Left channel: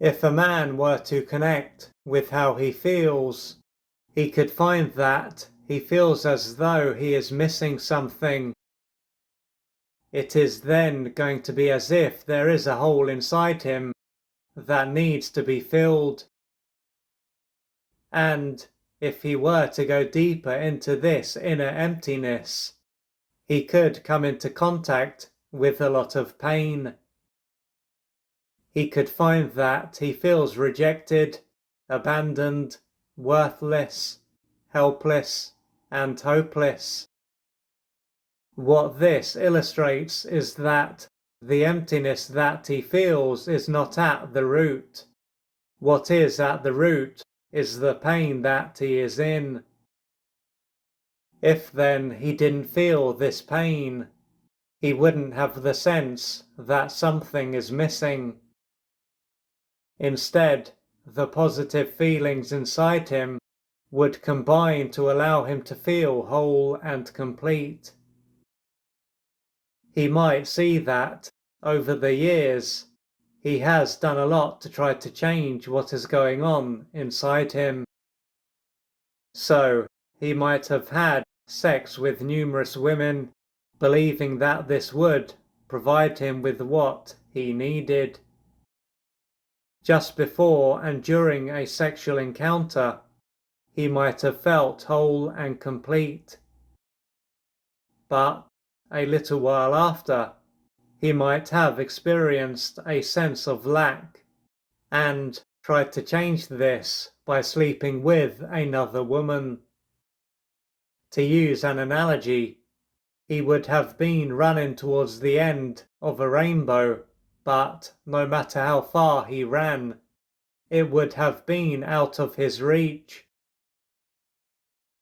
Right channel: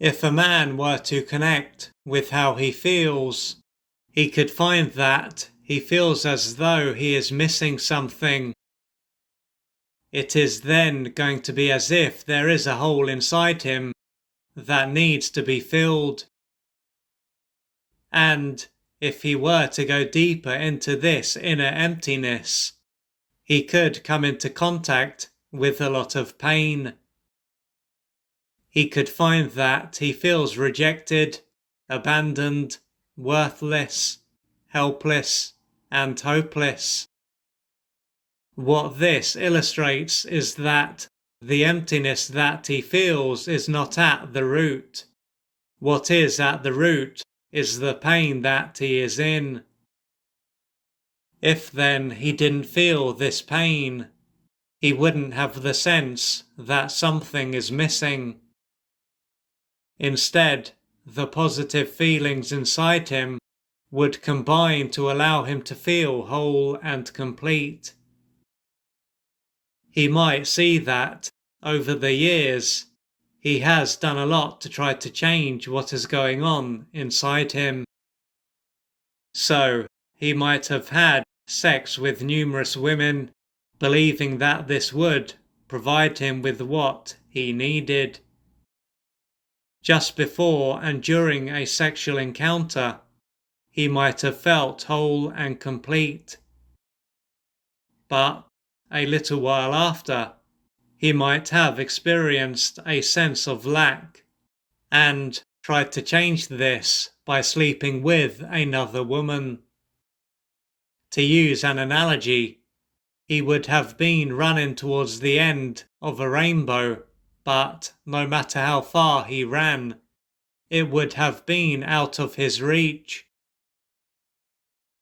If a man were to connect with how he feels, he could find that he feels as though he is missing something. It is then going to be as if there is a hole inside him that needs to be filled. And if he were to go deeper into this inner emptiness, he could come into contact with a lot of pain. He could find that he feels rejected, abandoned, worthless, helpless, and hopeless. What this illustrates is that the emptiness that he feels is not at the root. What is at the root is the pain that he is in. If then he didn't feel this pain, he wouldn't have the sense that something is missing. Instead, the positive feelings inside him would combine to allow him to feel whole and complete. He might see that, over the years, he has done a lot to try to change what is going on inside him. So, he might have had sex with numerous women, believing that this would provide him with what he needed. Just before and during a sexual encounter, he might have felt whole and complete. But a little while after, he might have experienced a sense of lack and tried to change this by sleeping with another woman. To use an analogy, he would have been running towards the end of a rainbow, but no matter how far he ran, it would have been out of his reach.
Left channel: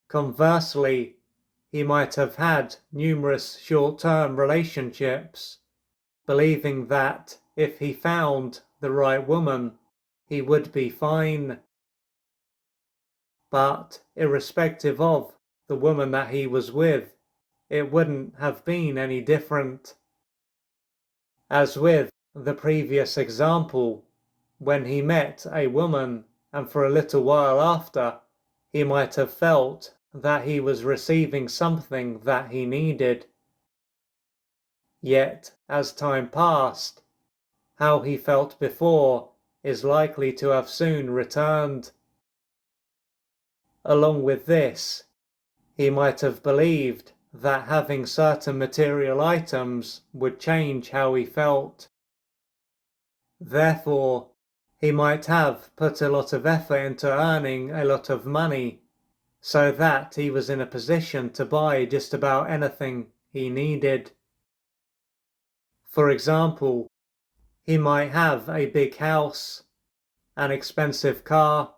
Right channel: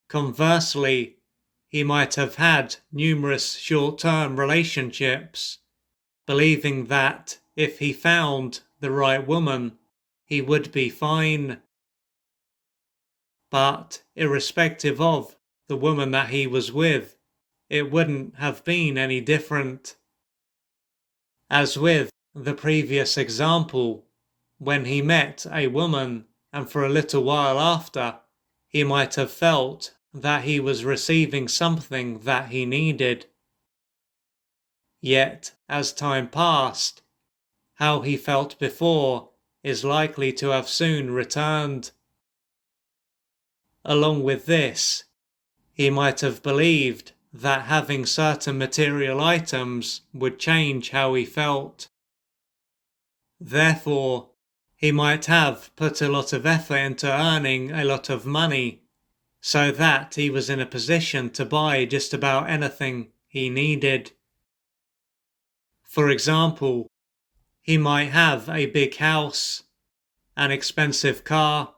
Conversely, he might have had numerous short-term relationships, believing that if he found the right woman, he would be fine. But irrespective of the woman that he was with, it wouldn't have been any different. As with the previous example, when he met a woman and for a little while after, he might have felt that he was receiving something that he needed. Yet, as time passed, how he felt before is likely to have soon returned. Along with this, he might have believed that having certain material items would change how he felt. Therefore, he might have put a lot of effort into earning a lot of money, so that he was in a position to buy just about anything he needed. For example, he might have a big house, an expensive car,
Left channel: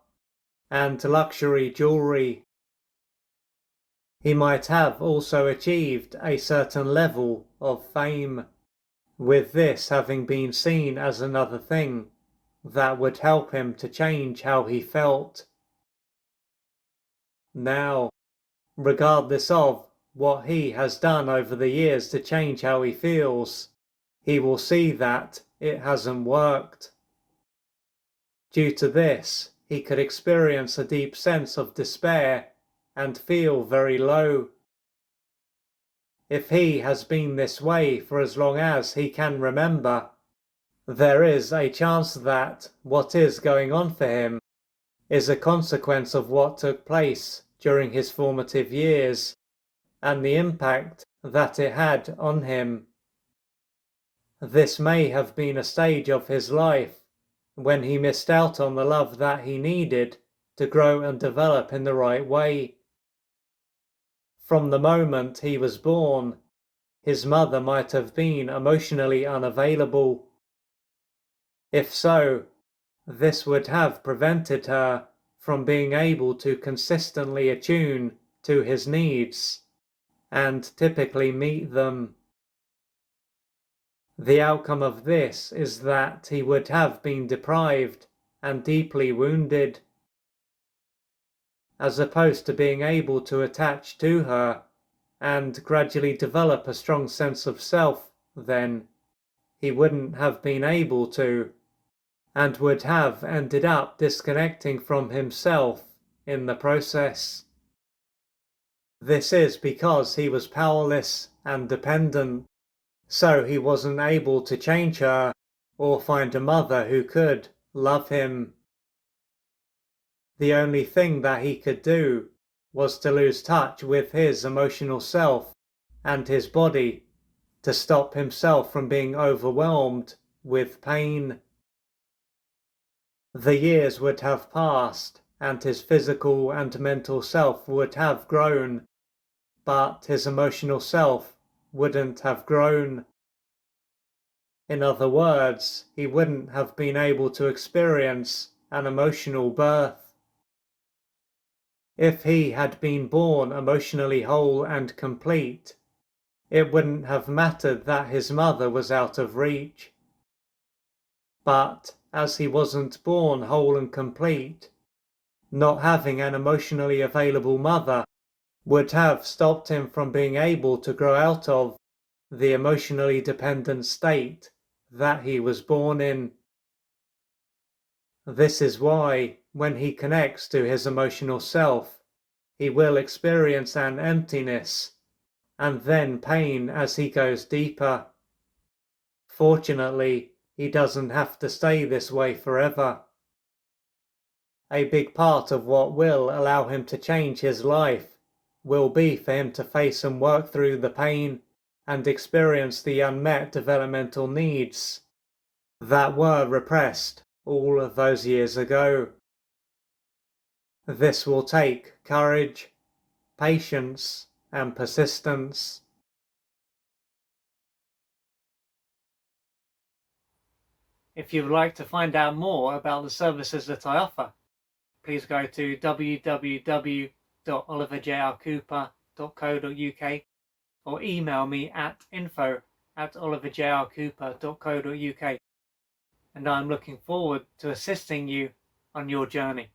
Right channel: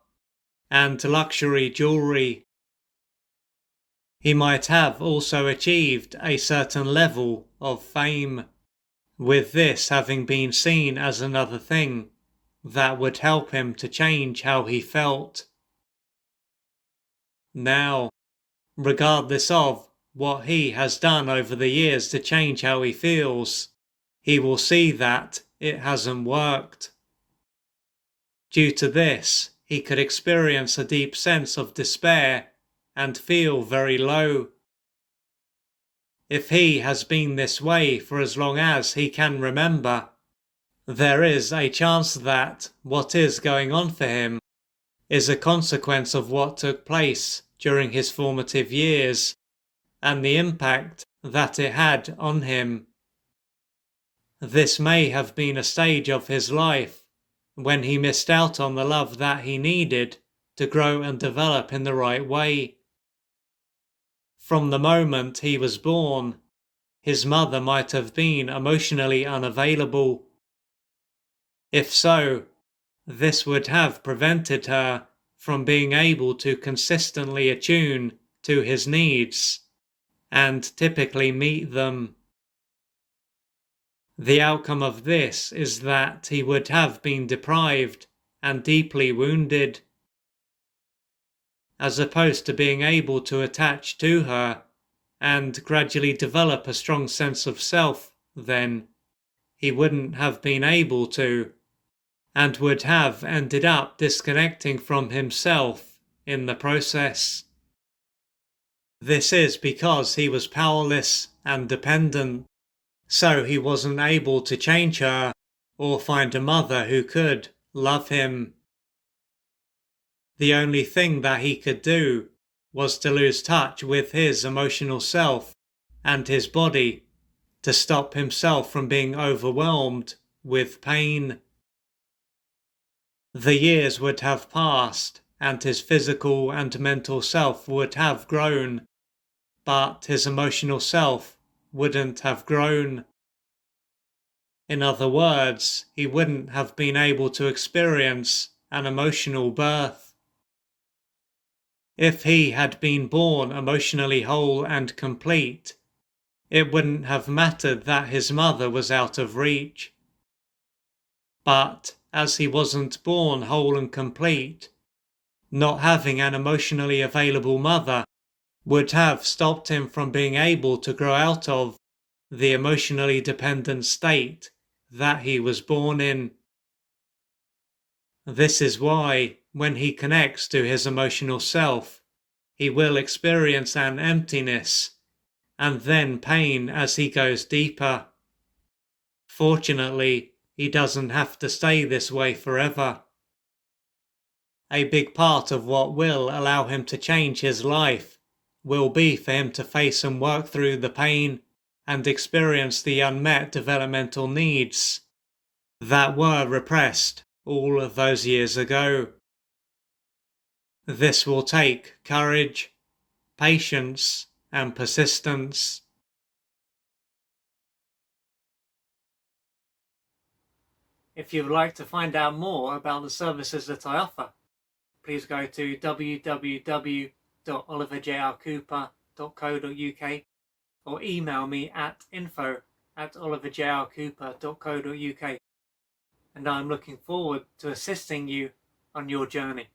and luxury jewelry. He might have also achieved a certain level of fame, with this having been seen as another thing that would help him to change how he felt. Now, regardless of what he has done over the years to change how he feels, he will see that it hasn't worked. Due to this, he could experience a deep sense of despair and feel very low. If he has been this way for as long as he can remember, there is a chance that what is going on for him is a consequence of what took place during his formative years and the impact that it had on him. This may have been a stage of his life when he missed out on the love that he needed to grow and develop in the right way. From the moment he was born, his mother might have been emotionally unavailable. If so, this would have prevented her from being able to consistently attune to his needs and typically meet them. The outcome of this is that he would have been deprived and deeply wounded. As opposed to being able to attach to her and gradually develop a strong sense of self, then he wouldn't have been able to. and would have ended up disconnecting from himself in the process. This is because he was powerless and dependent, so he wasn't able to change her or find a mother who could love him. The only thing that he could do was to lose touch with his emotional self and his body to stop himself from being overwhelmed with pain. The years would have passed and his physical and mental self would have grown, but his emotional self wouldn't have grown. In other words, he wouldn't have been able to experience an emotional birth. If he had been born emotionally whole and complete, it wouldn't have mattered that his mother was out of reach. But as he wasn't born whole and complete, not having an emotionally available mother would have stopped him from being able to grow out of the emotionally dependent state that he was born in. This is why, when he connects to his emotional self, he will experience an emptiness and then pain as he goes deeper. Fortunately, he doesn't have to stay this way forever. A big part of what will allow him to change his life will be for him to face and work through the pain and experience the unmet developmental needs that were repressed all of those years ago. This will take courage, patience, and persistence. If you would like to find out more about the services that I offer, please go to www.oliverjrcooper.co.uk or email me at info@oliverjrcooper.co.uk, and I'm looking forward to assisting you on your journey.